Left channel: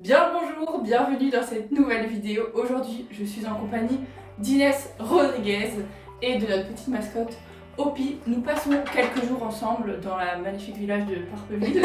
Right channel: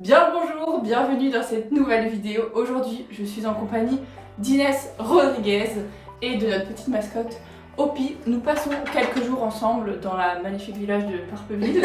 Bien le bonjour, bienvenue dans cette nouvelle vidéo. Aujourd'hui, je suis en compagnie d'Inès Rodriguez et de notre petite mascotte Opi. Nous passons quelques jours ensemble dans la magnifique village de Parpeville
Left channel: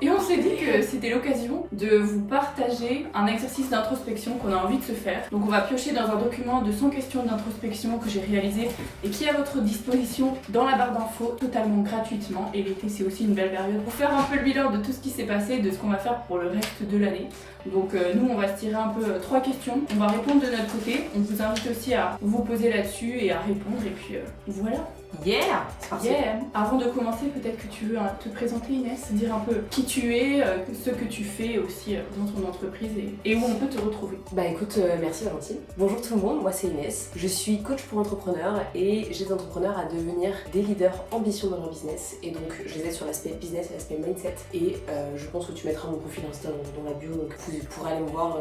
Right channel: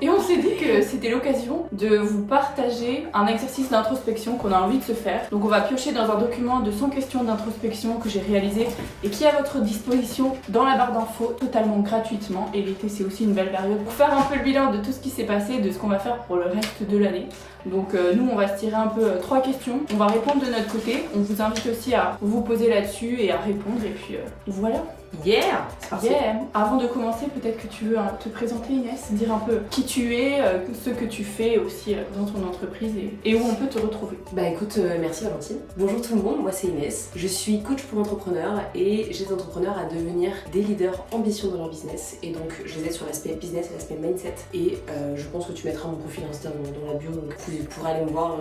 et on s'est dit que c'était l'occasion de vous partager un exercice d'introspection qu'on a envie de se faire. Donc on va piocher dans un document de 100 questions d'introspection que j'ai réalisé et qui est à votre disposition dans la barre d'infos totalement gratuitement. Et l'été, c'est aussi une belle période pour faire un peu le bilan de tout ce qui s'est passé, de ce qu'on va faire pour le reste de l'année. Donc nous on va se tirer un peu 3 questions, on va répondre de notre côté, on vous invite aussi à vous poser là-dessus et à répondre et puis voilà. Yeah, c'est parti. Yeah. Avant de commencer, peut-être que tu veux te présenter Inès, dire un peu qui tu es, ce que tu fais aussi dans ton entreprise et où on peut te retrouver. Bah écoute, merci Valentine. Bonjour tout le monde, moi c'est Inès. Je suis coach pour entrepreneurs et j'aide les entrepreneurs à devenir des leaders ambitieux dans leur business. Et donc je les aide sur l'aspect business et l'aspect mindset. Et je pense que tu mettras mon profil Insta dans la bio, donc vous pourrez aller me voir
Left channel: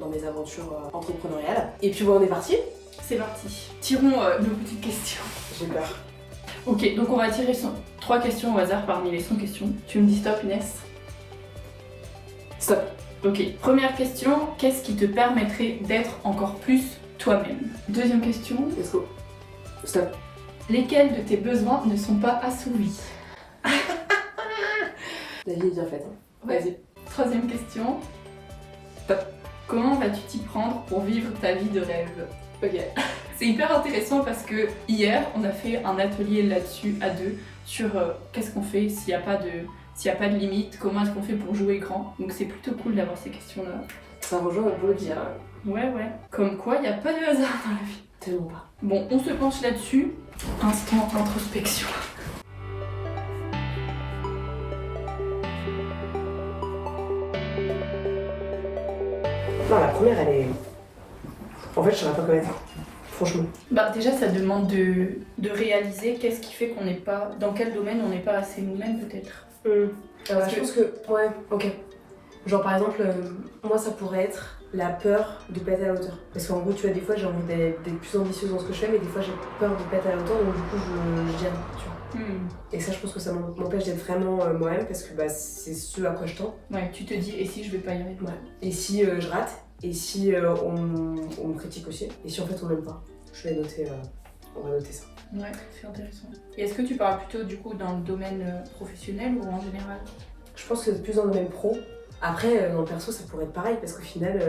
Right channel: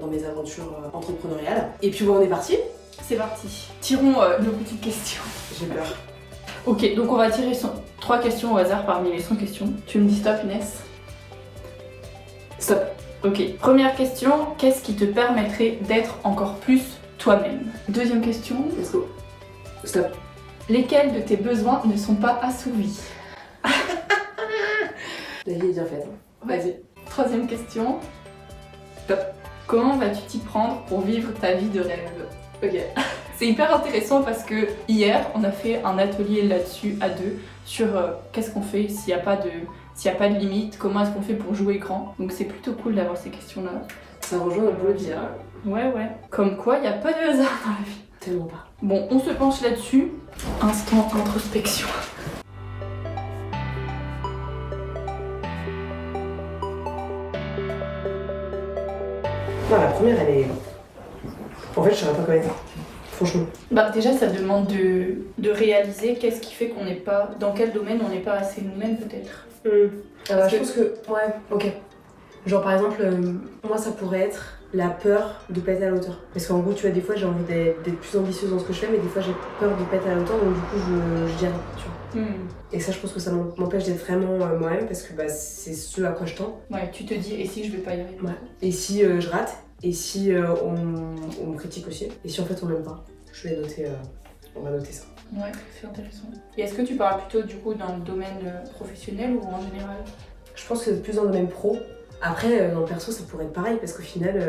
dans mes aventures entrepreneuriales. Et puis bon, on est parti. C'est parti. Tirons nos petites questions. J'ai peur. Ok, donc on va tirer 3 questions au hasard parmi les 100 questions. Tu me dis stop Inès? Stop. Ok, première question, qu'est-ce qui te permettrait d'être encore plus toi-même? Deuxième question, Let's go. Stop. lesquels de tes besoins ne sont pas assouvis? La vie est bien faite. Ouais. Vas-y. Troisième question, Stop. comment vas-tu t'y prendre pour vivre ta vie de rêve? Ok. C'est hyper intéressant parce que hier, on a fait un atelier là-dessus à deux sur qu'est-ce qu'on fait s'il n'y a pas de limite, comment est-ce qu'on fait pour jouer grand. Donc c'est plutôt cool d'avoir ces questions-là. Ça rejoint notre boulot d'hier. Ouais. Comme quoi, il n'y a pas de hasard dans la vie. Tellement pas. Bon, on se penche là-dessus. Instant introspection. Non, la première elle est... En fait je saurais pas comment dire. Franchement. Bah déjà, ça demande de réaliser qu'est-ce qui fait qu'on n'est pas... Dans quel domaine on n'est pas assez nous-mêmes peut-être. Je pense que... Ouais, ok. Genre par exemple, moi ça pourrait être la peur de pas être à la hauteur. Parce qu'en gros, tu vois, des fois j'ai envie d'être plus ambitieuse dans ce que je fais, mais des fois j'ai peur de pas être à la hauteur, donc du coup je dis rien, tu vois. Et ça, je pense que ça m'empêche d'être vraiment moi-même, parce que bah, c'est ce à quoi je tends. Ouais, tu te dis, et si je vais pas y arriver? Ouais. Et si je rate, et si on me critique aussi, et si en fait on m'aime pas, je vais noter, on va noter ça. Ouais, c'est intéressant. Et est-ce que tu parles plutôt du coup dans le domaine professionnel ou en général? Je pense que plus dans le domaine pro. Après, dans le perso, ça pourrait être pareil, parce qu'au final...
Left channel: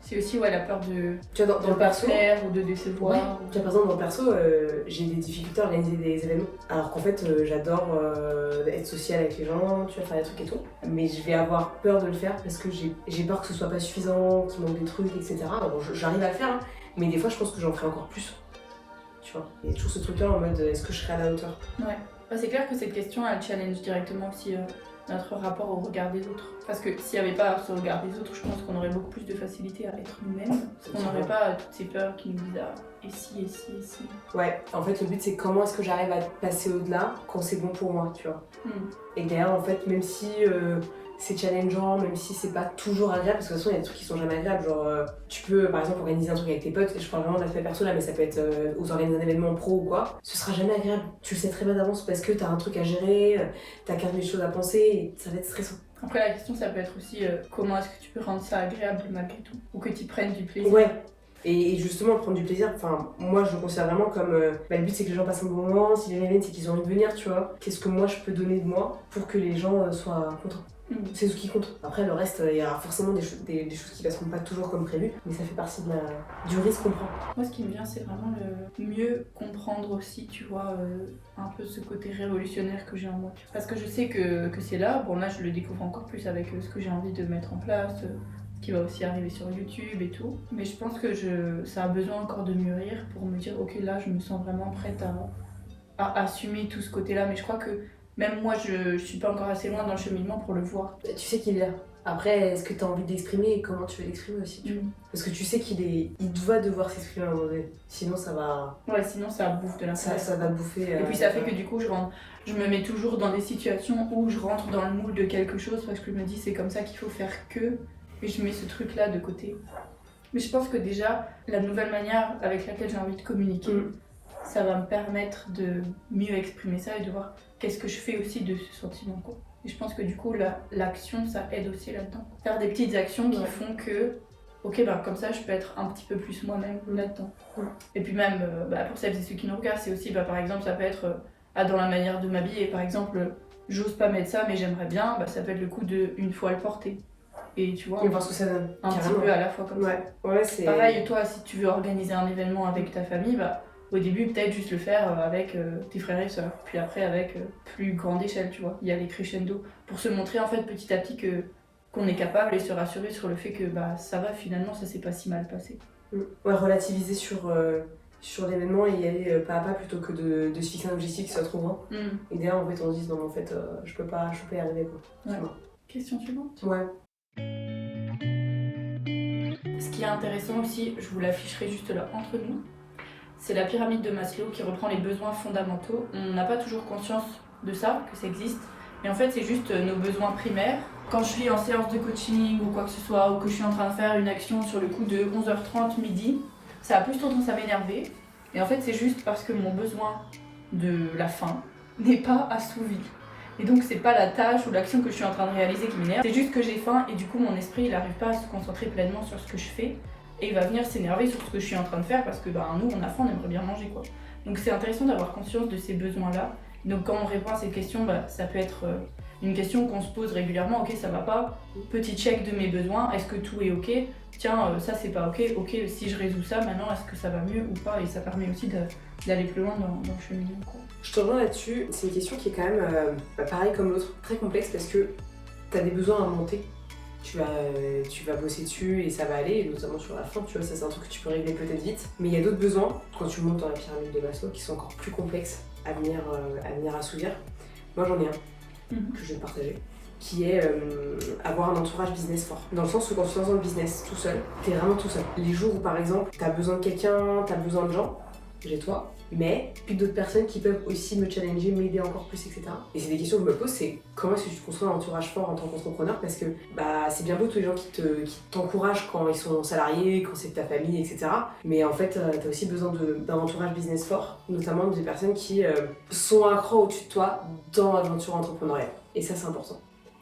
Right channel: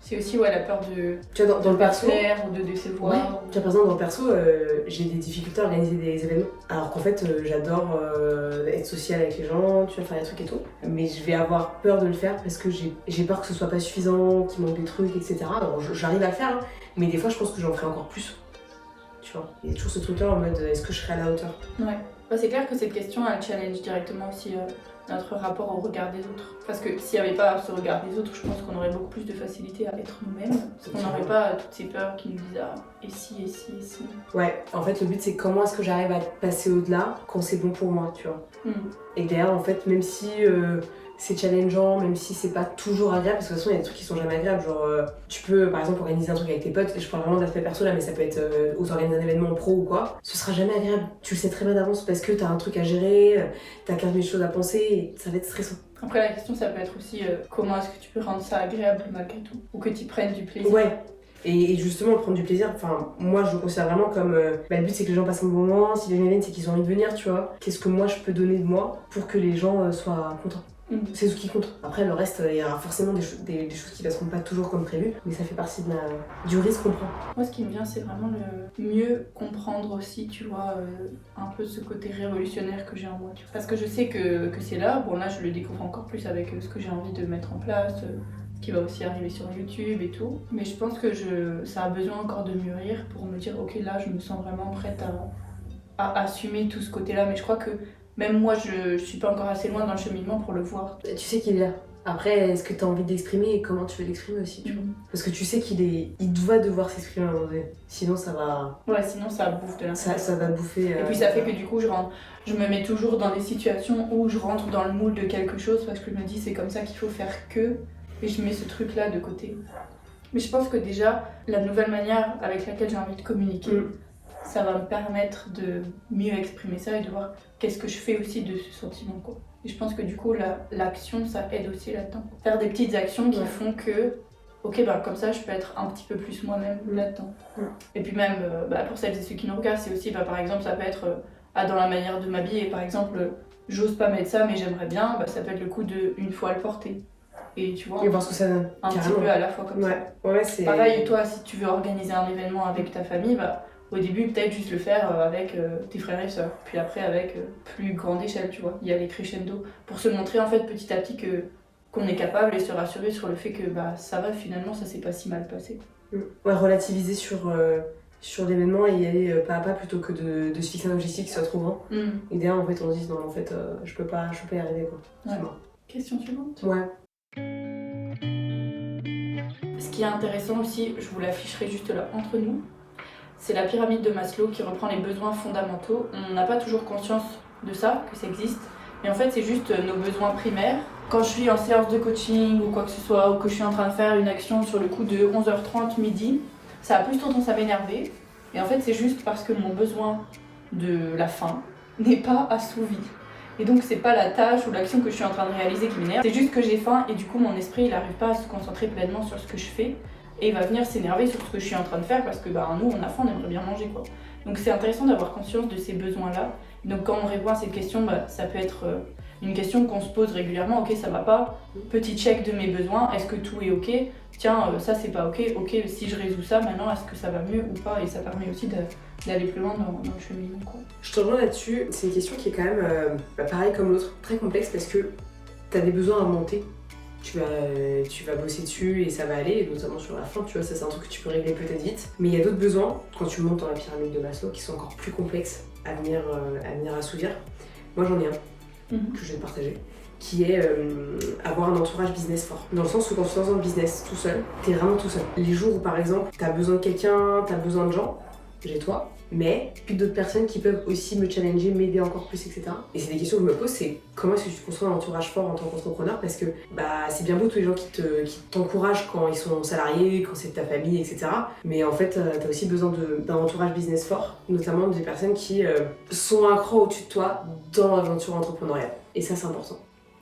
C'est aussi la peur de... Tu vois, dans le perso... plaire ou de décevoir. Ouais. Tu vois, par exemple, dans le perso, j'ai des difficultés à organiser des événements. Alors qu'en fait, j'adore être sociale avec les gens, tu vois, faire des trucs et tout. Mais je vais avoir peur de le faire parce que j'ai peur que ce soit pas suffisant, qu'il manque des trucs, etc. Alors j'arrive à le faire, hein, mais des fois, je pense que j'en ferai encore plus. Tu vois, il y a toujours ce truc-là en mode, est-ce que je serai à la hauteur? Ouais. Bah, c'est clair que cette question, elle challenge directement aussi notre rapport au regard des autres. Parce que s'il n'y avait pas ce regard des autres, je pense qu'on aurait beaucoup plus de facilité à être nous-mêmes. Parce qu'on n'aurait pas toutes ces peurs qui nous disent ah, et si. Ouais, en fait, le but, c'est comment est-ce que j'arrive à passer au-delà quand c'est bon pour moi, tu vois. Et derrière, en fait, même si c'est challengeant, même si c'est pas toujours agréable, parce que de toute façon, il y a des trucs qui sont jamais agréables. Genre, tu peux, par exemple, organiser un truc avec tes potes, et je parle vraiment de l'aspect perso là, mais ça peut être aux organiser un événement pro ou quoi. Ce sera jamais agréable. Tu le sais très bien d'avance parce que t'as un truc à gérer, t'as 15 000 choses à penser, et ça va être stressant. Après, la question, ça peut être aussi comment est-ce que tu peux rendre ça agréable malgré tout, ou que tu prennes du plaisir. Ouais. Et justement, prendre du plaisir, enfin, moi je le considère vraiment comme le but c'est que les gens passent un bon moment, si les événements c'est qu'ils ont envie de venir, tu vois. Qu'est-ce que moi je peux donner de moi pour que les gens soient contents? C'est ce qui compte. Après, le reste, il y aura forcément des choses qui ne passeront pas toujours comme prévu, mais ça fait partie du risque qu'on prend. Moi, ce qui me vient, c'est vraiment le mieux comprendre aussi, tu vois, un peu ce côté révolutionnaire que j'ai en moi. Tu vois. Parce que je sais que c'est là. Bon, là, je le découvre encore plus avec ce que j'ai envie de mettre en place, ce qui va aussi arriver sur YouTube et tout. Mais je pense que ça a besoin encore de mûrir pour me dire, ok, là, je me sens vraiment prête à assumer tout ce côté-là. Mais je crois que même moi, je suis pas encore assez loin dans le cheminement pour le voir. Tu sais qu'il est là. Après, est-ce que tu as envie d'exprimer et comment tu veux l'exprimer aussi, tu vois. Parce que tu sais il doit devoir s'exprimer à un moment donné. Sinon, ça va... Ouais, sinon ça bouffe de l'intérieur. Ça va bouffer... Et puis ça fait que du coup, je me mets toujours dans des situations où je rentre dans le moule de quelque chose parce que je me dis c'est comme ça qu'il faut faire que... Et je mets ce truc-là de côté. Mais je pense que déjà, la nouvelle manière avec laquelle j'ai envie de communiquer, ça va me permettre de mieux exprimer ça et de voir qu'est-ce que je fais aussi de ce sentiment, quoi. Et je pense que du coup, l'action, ça aide aussi là-dedans. Faire des petites actions qui font que, ok, bah, comme ça, je peux être un petit peu plus moi-même là-dedans. Et puis même, pour celles et ceux qui nous regardent, c'est aussi, par exemple, ça peut être dans la manière de m'habiller. Par exemple, j'ose pas mettre ça, mais j'aimerais bien, ça peut être le coup de une fois le porter. Et tu vois, et voir ce que ça donne. Un petit peu à la fois comme ça. Ouais, c'est... Pareil, toi, si tu veux organiser un événement avec ta famille, au début, peut-être juste le faire avec tes frères et sœurs, puis après avec plus grande échelle, tu vois. Il y a les crescendo pour se montrer en fait petit à petit qu'on est capable et se rassurer sur le fait que ça va, finalement, ça s'est pas si mal passé. Ouais, relativiser sur l'événement et y aller pas à pas plutôt que de se fixer un objectif qui soit trop grand. Et derrière, en fait, on se dit non, en fait, je peux pas y arriver, quoi. Ouais. Question suivante. Ouais. Ce qui est intéressant aussi, je vous l'afficherai juste là entre nous, c'est la pyramide de Maslow qui reprend les besoins fondamentaux. On n'a pas toujours conscience de ça, que ça existe. Mais en fait, c'est juste nos besoins primaires. Quand je suis en séance de coaching ou quoi que ce soit, ou que je suis en train de faire une action sur le coup de 11h30 midi, ça a plus tendance à m'énerver. Et en fait, c'est juste parce que mon besoin de la faim n'est pas assouvi. Et donc, c'est pas la tâche ou l'action que je suis en train de réaliser qui m'énerve. C'est juste que j'ai faim et du coup, mon esprit, il n'arrive pas à se concentrer pleinement sur ce que je fais. Et il va venir s'énerver sur ce que je suis en train de faire parce que nous, on a faim, on aimerait bien manger, quoi. Donc, c'est intéressant d'avoir conscience de ces besoins-là. Donc, quand on répond à cette question, ça peut être une question qu'on se pose régulièrement. Ok, ça va pas. Petit check de mes besoins. Est-ce que tout est ok? Tiens, ça c'est pas ok. Ok, si je résous ça, maintenant, est-ce que ça va mieux ou pas? Et ça permet aussi d'aller plus loin dans le cheminement, quoi. Je te rejoins là-dessus. C'est une question qui est quand même, pareil comme l'autre, très complexe parce que t'as des besoins à monter. Tu vas bosser dessus et ça va aller, et notamment sur la fin, tu vois, ça c'est un truc que tu peux régler peut-être vite. Mais il y a d'autres besoins, quand tu montes dans la pyramide de Maslow, qui sont encore plus complexes à venir assouvir. Moi j'en ai un que je vais te partager, qui est avoir un entourage business fort. Dans le sens où quand tu es dans un business tout seul, t'es vraiment tout seul. Les jours où par exemple t'as besoin de quelqu'un, t'as besoin de gens, j'ai toi, mais puis d'autres personnes qui peuvent aussi me challenger, m'aider encore plus, etc. Et c'est des questions que je me pose, c'est comment est-ce que tu te construis un entourage fort en tant qu'entrepreneur, parce que c'est bien beau tous les gens qui t'encouragent quand ils sont salariés, quand c'est de ta famille, etc. Mais en fait, t'as aussi besoin d'un entourage business fort, notamment des personnes qui sont un cran au-dessus de toi dans l'aventure entrepreneuriale. Et ça, c'est important.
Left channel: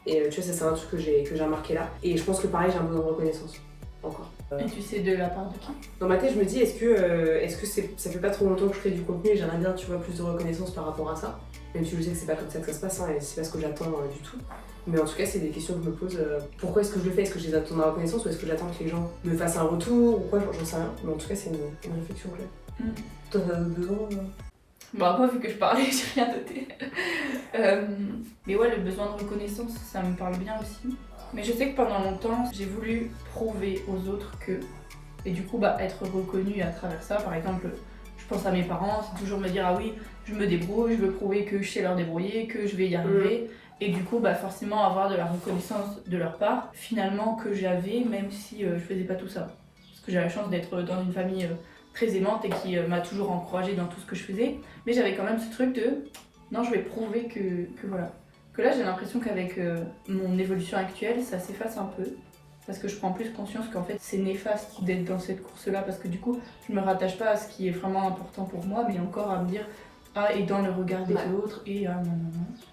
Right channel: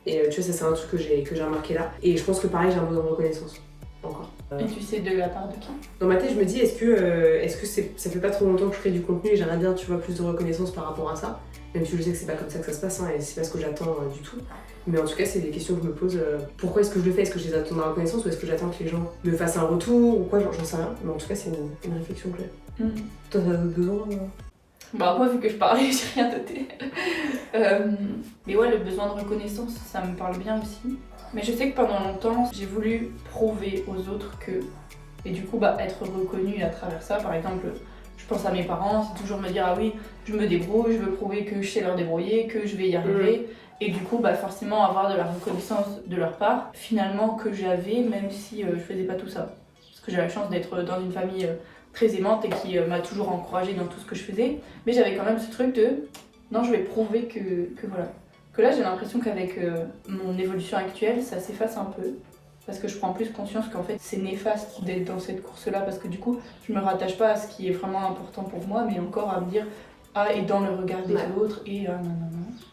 Et tu vois, ça c'est un truc que j'ai remarqué là. Et je pense que pareil, j'ai un besoin de reconnaissance. Encore. Et tu sais de la part de qui? Dans ma tête, je me dis, est-ce que ça fait pas trop longtemps que je crée du contenu et j'aimerais bien, tu vois, plus de reconnaissance par rapport à ça. Même si je sais que c'est pas comme ça que ça se passe, et c'est pas ce que j'attends du tout. Mais en tout cas, c'est des questions que je me pose. Pourquoi est-ce que je le fais? Est-ce que je les attends de la reconnaissance ou est-ce que j'attends que les gens me fassent un retour ou quoi? J'en sais rien. Mais en tout cas, c'est une réflexion que j'ai. Toi, t'as d'autres besoins moi, vu que je parlais, j'ai rien noté. Mais ouais, le besoin de reconnaissance, ça me parle bien aussi. Mais je sais que pendant longtemps, j'ai voulu prouver aux autres que... Et du coup, être reconnue à travers ça. Par exemple, je pense à mes parents, c'est toujours me dire « Ah oui, je me débrouille, je veux prouver que je sais leur débrouiller, que je vais y arriver. » Et du coup, forcément avoir de la reconnaissance de leur part, finalement, que j'avais, même si je faisais pas tout ça. Parce que j'ai la chance d'être dans une famille très aimante et qui m'a toujours encouragée dans tout ce que je faisais. Mais j'avais quand même ce truc de « Non, je vais prouver que voilà. » Que là, j'ai l'impression qu'avec mon évolution actuelle, ça s'efface un peu. Parce que je prends plus conscience qu'en fait, c'est néfaste d'être dans cette course-là. Parce que du coup, je me rattache pas à ce qui est vraiment important pour moi, mais encore à me dire et dans le regard des autres, et non.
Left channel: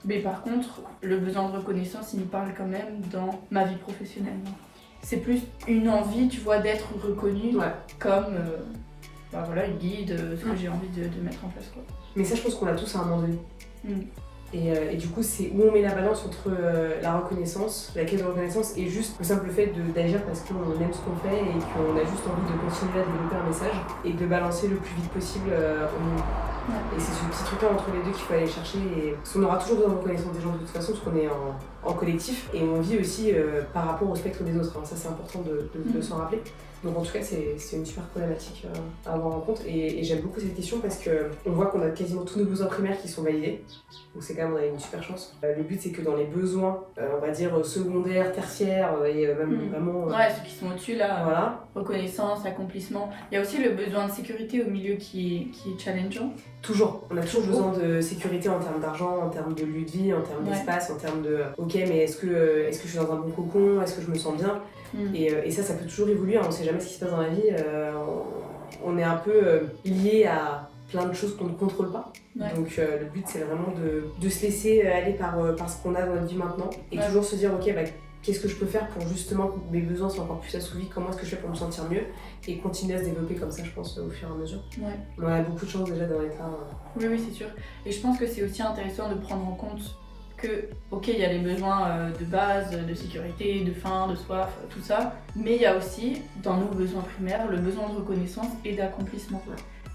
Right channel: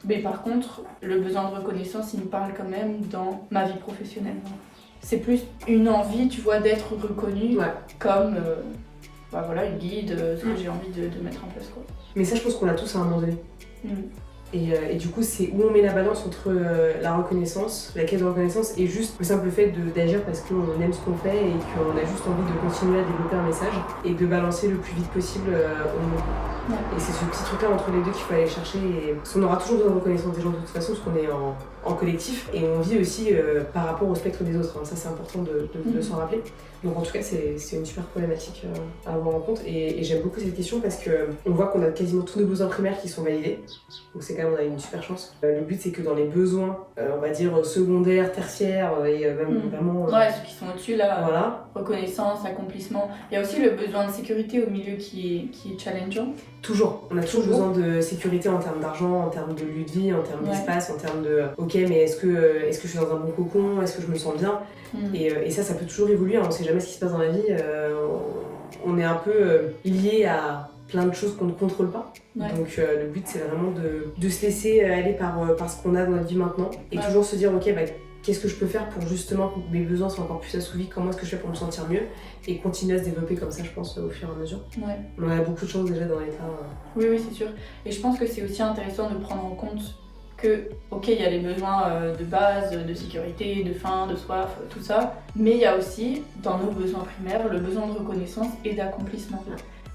Mais par contre, le besoin de reconnaissance, il me parle quand même dans ma vie professionnelle. C'est plus une envie, tu vois, d'être reconnue comme une guide, ce que j'ai envie de mettre en place, quoi. Mais ça, je pense qu'on l'a tous à un moment donné. Et du coup, c'est où on met la balance entre la reconnaissance, la quête de reconnaissance et juste le simple fait d'agir parce qu'on aime ce qu'on fait et qu'on a juste envie de continuer à développer un message et de balancer le plus vite possible au monde. Et c'est ce petit truc-là entre les deux qu'il faut aller chercher. Parce qu'on aura toujours besoin de reconnaissance des gens de toute façon, parce qu'on est en collectif et on vit aussi par rapport au spectre des autres. Ça, c'est important de s'en rappeler. Donc en tout cas, c'est une super problématique à avoir en compte. Et j'aime beaucoup cette question parce qu'on voit qu'on a quasiment tous nos besoins primaires qui sont validés. Donc c'est quand même, on a une super chance. Le but, c'est que dans les besoins, on va dire secondaires, tertiaires et même vraiment... ceux qui sont au-dessus, là, voilà. Reconnaissance, accomplissement. Il y a aussi le besoin de sécurité au milieu qui est challengeant. Toujours. On a toujours besoin de sécurité en termes d'argent, en termes de lieu de vie, en termes d'espace, en termes de... Ok, mais est-ce que je suis dans un bon cocon? Est-ce que je me sens bien? Et ça peut toujours évoluer, on sait jamais ce qui se passe dans la vie. On est un peu lié à plein de choses qu'on ne contrôle pas. Ouais. Donc le but c'est vraiment de se laisser aller par ce qu'on a dans notre vie maintenant et toujours se dire ok, qu'est-ce que je peux faire pour justement que mes besoins soient encore plus assouvis, comment est-ce que je fais pour me sentir mieux et continuer à se développer comme ça, je pense, au fur et à mesure. Ouais. On a beaucoup de chance déjà dans l'état. Oui, c'est sûr. Et je pense que c'est aussi intéressant de prendre en compte que, ok, il y a les besoins de base, de sécurité, de faim, de soif, tout ça, mais il y a aussi, dans nos besoins primaires, le besoin de reconnaissance et d'accomplissement.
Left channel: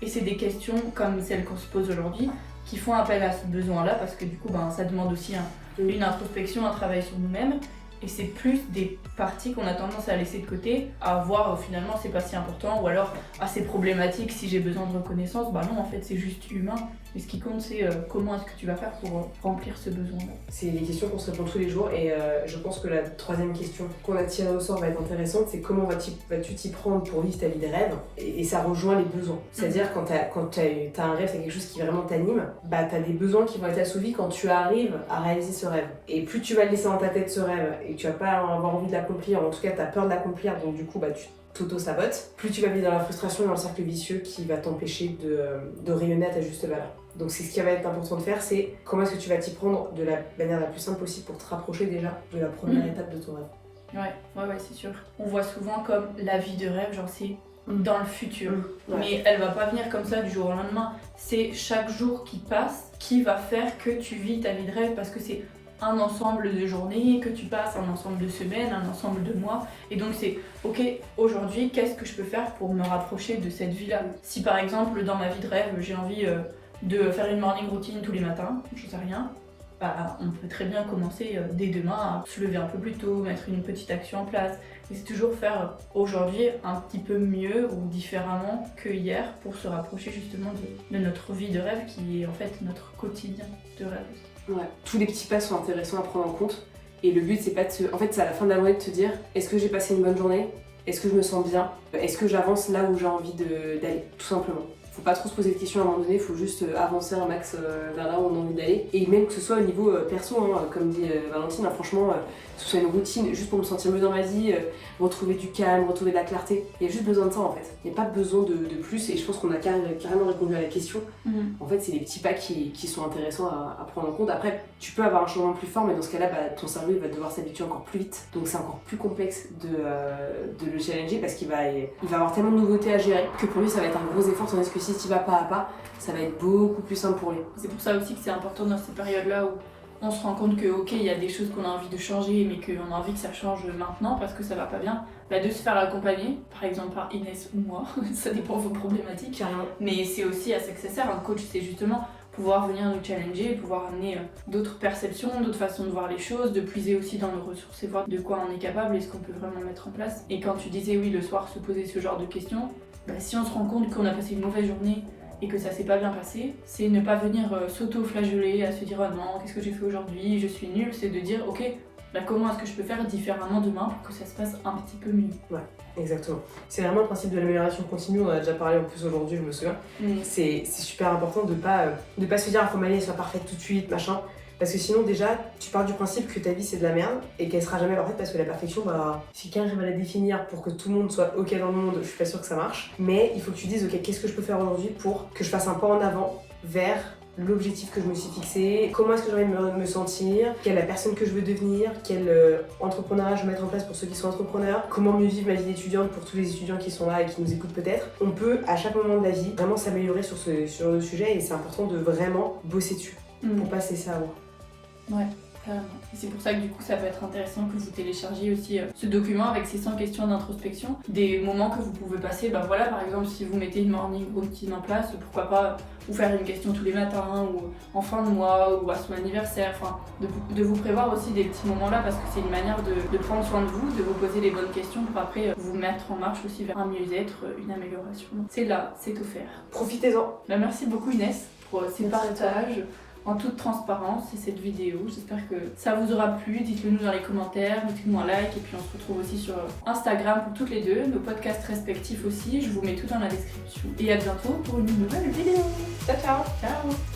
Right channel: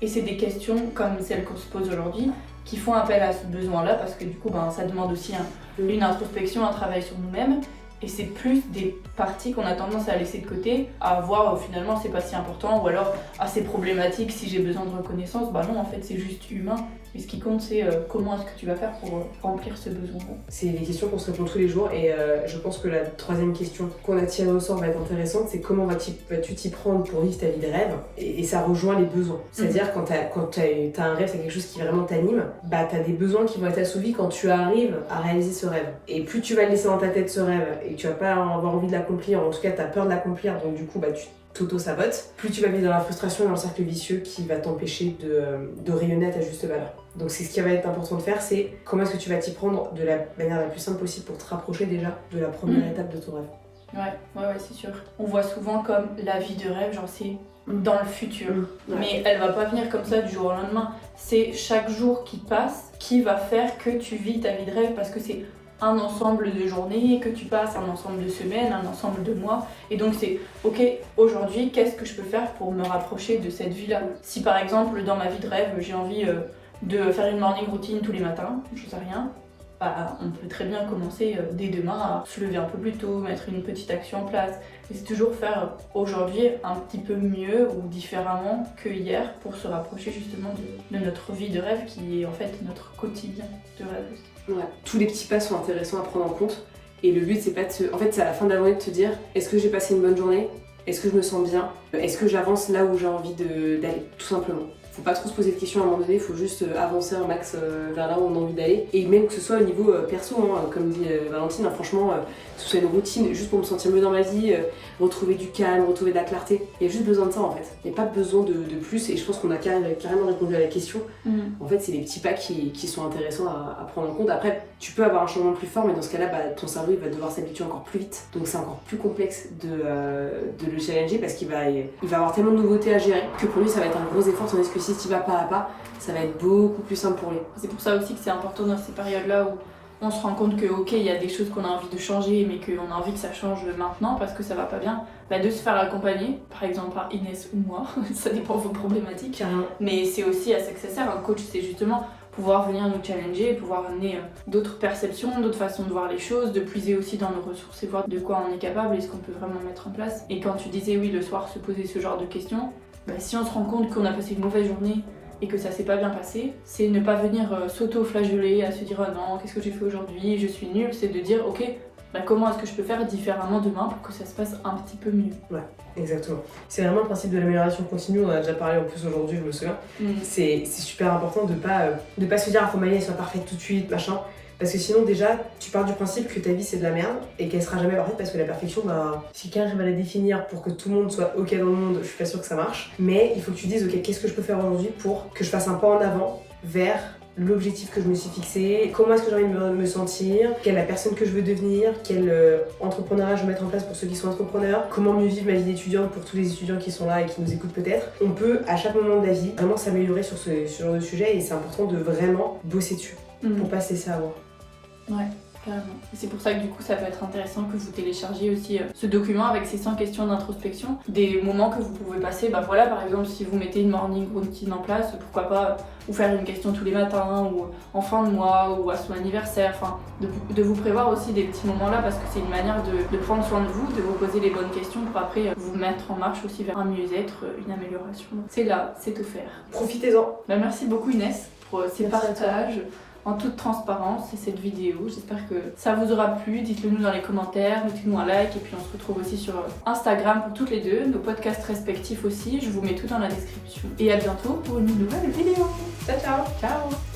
Et c'est des questions comme celles qu'on se pose aujourd'hui qui font appel à ce besoin-là parce que du coup, ça demande aussi une introspection, un travail sur nous-mêmes. Et c'est plus des parties qu'on a tendance à laisser de côté, à voir finalement c'est pas si important, ou alors c'est problématique si j'ai besoin de reconnaissance. Non, en fait c'est juste humain. Et ce qui compte c'est comment est-ce que tu vas faire pour remplir ce besoin-là. C'est des questions qu'on se répond tous les jours et je pense que la troisième question qu'on a tirée au sort va être intéressante, c'est comment vas-tu t'y prendre pour vivre ta vie de rêve et ça rejoint les besoins. C'est-à-dire quand t'as un rêve, c'est quelque chose qui vraiment t'anime, t'as des besoins qui vont être assouvis quand tu arrives à réaliser ce rêve. Et plus tu vas le laisser dans ta tête ce rêve et que tu vas pas avoir envie de l'accomplir, en tout cas t'as peur de l'accomplir, donc du coup tu t'auto-sabotes, plus tu vas vivre dans la frustration et dans le cercle vicieux qui va t'empêcher de rayonner à ta juste valeur. Donc c'est ce qui va être important de faire, c'est comment est-ce que tu vas t'y prendre de la manière la plus simple possible pour te rapprocher déjà de la première étape de ton rêve. Ouais, c'est sûr. On voit souvent comme la vie de rêve, genre c'est dans le futur. Mais elle va pas venir comme ça du jour au lendemain. C'est chaque jour qui passe qui va faire que tu vis ta vie de rêve parce que c'est un ensemble de journées, que tu passes un ensemble de semaines, un ensemble de mois. Et donc c'est, ok, aujourd'hui, qu'est-ce que je peux faire pour me rapprocher de cette vie-là? Si par exemple, dans ma vie de rêve, j'ai envie de faire une morning routine tous les matins, je sais rien, on peut très bien commencer dès demain à se lever un peu plus tôt, mettre une petite action en place. Et c'est toujours faire aujourd'hui un petit peu mieux ou différemment que hier pour se rapprocher justement de notre vie de rêve qui est en fait notre quotidien de rêve. Ouais. Tous les petits pas sont intéressants à prendre en compte et le but c'est pas en fait c'est à la fin de la journée de te dire est-ce que j'ai passé une bonne journée, est-ce que je me sens bien, est-ce que j'avance là où j'ai envie d'aller, tout simplement. Faut pas trop se poser de questions à un moment donné, faut juste avancer un max vers là où on a envie d'aller. Et même que ce soit au niveau perso, comme dit Valentine, franchement, que ce soit une routine juste pour me sentir mieux dans ma vie, retrouver du calme, retrouver de la clarté. Il y a juste besoin de ça en fait. Il n'y a pas besoin de plus et je pense qu'on a carrément répondu à la question. En fait, c'est les petits pas qui sont intéressants à prendre en compte. Après, tu peux avoir un changement plus fort, mais dans ce cas-là, ton cerveau il va devoir s'habituer encore plus vite. Donc c'est encore plus complexe de le challenger parce qu'il va avoir tellement de nouveautés à gérer que pour lui ça va être un gros effort, tandis que si tu vas pas à pas, ça va être beaucoup plus simple pour lui. C'est pour ça aussi que c'est important dans ces périodes-là où on se rend compte que ok, il y a des choses qu'on a envie de changer mais qu'on a envie que ça change maintenant parce que ça va pas bien, de se faire accompagner, par exemple par Inès ou moi, ça dépend de vos problématiques. Carrément. Mais c'est aussi à ça que ça sert, un coach c'est justement pouvoir venir nous challenger, pouvoir amener d'autres perceptions, d'autres façons de voir les choses, de puiser aussi dans nos ressources et voir de quoi on est capable et ce qu'on peut vraiment mettre en place. Et quand tu disais oui le soir se poser ce genre de questions, si on se rend compte qu'on a passé une mauvaise journée et que ça s'est pas bien passé, c'est ne pas venir s'auto-flageller, à se dire oh non, qu'est-ce que j'ai fait aujourd'hui, je suis nulle, c'est de dire ok, comment est-ce que je peux faire différemment demain pour que ça se passe un petit peu mieux. Ouais, exactement. C'est vraiment le principe de l'amélioration continue, on en a déjà parlé en plus aujourd'hui, je me souviens. C'est super important de pas se dire il faut ma vie soit parfaite tout de suite, machin. Parce que sinon déjà, tu pars du principe que ta vie c'est de la merde et qu'elle sera jamais parfaite parce que la perfection, si quelqu'un arrive à la définir pour que tout le monde soit ok dans le monde, je suis pas sûre que ça marche. Mais il faut que tu dises ok, qu'est-ce que je peux faire aujourd'hui pour que je fasse un pas en avant vers l'objectif que je me suis fixé, comment est-ce que j'ai envie de me sentir, quelle est la personne que je veux devenir, quel entrepreneuriat je veux mettre en place pour ceux qui sont entrepreneurs, comment mieux vivre ma vie d'étudiante pour tous les étudiants qui sont là et qui nous écoutent peut-être. On peut à chaque moment de la vie vraiment s'améliorer sur le sujet et c'est important de vraiment bosser dessus pour pas se laisser avoir. Ouais, carrément. Et c'est pour ça que du coup ça peut être intéressant que vous téléchargiez aussi ce document avec ces 100 questions d'introspection, des moments que vous pouvez passer, par exemple si vous mettez une morning routine en place, pourquoi pas vous faire une question tous les matins ou en fin de mois ou à son anniversaire, de vous prévoir aussi des petits moments là parce que c'est une manière de prendre soin de vous, de vous poser les bonnes questions pour après vous mettre en marche aussi vers un mieux-être, une amélioration. C'est là, c'est offert. Profitez-en. Merci beaucoup Inès pour ces partages. En toute transparence, c'est cette vidéo. J'espère que ça vous aura plu. Dites-le nous dans les commentaires, mettez-nous un like et puis on se retrouve aussi sur Instagram pour toutes les deux, nos podcasts respectifs aussi. Je vous mets tout dans la description. Et à bientôt pour une nouvelle vidéo. Ciao, ciao. Ciao.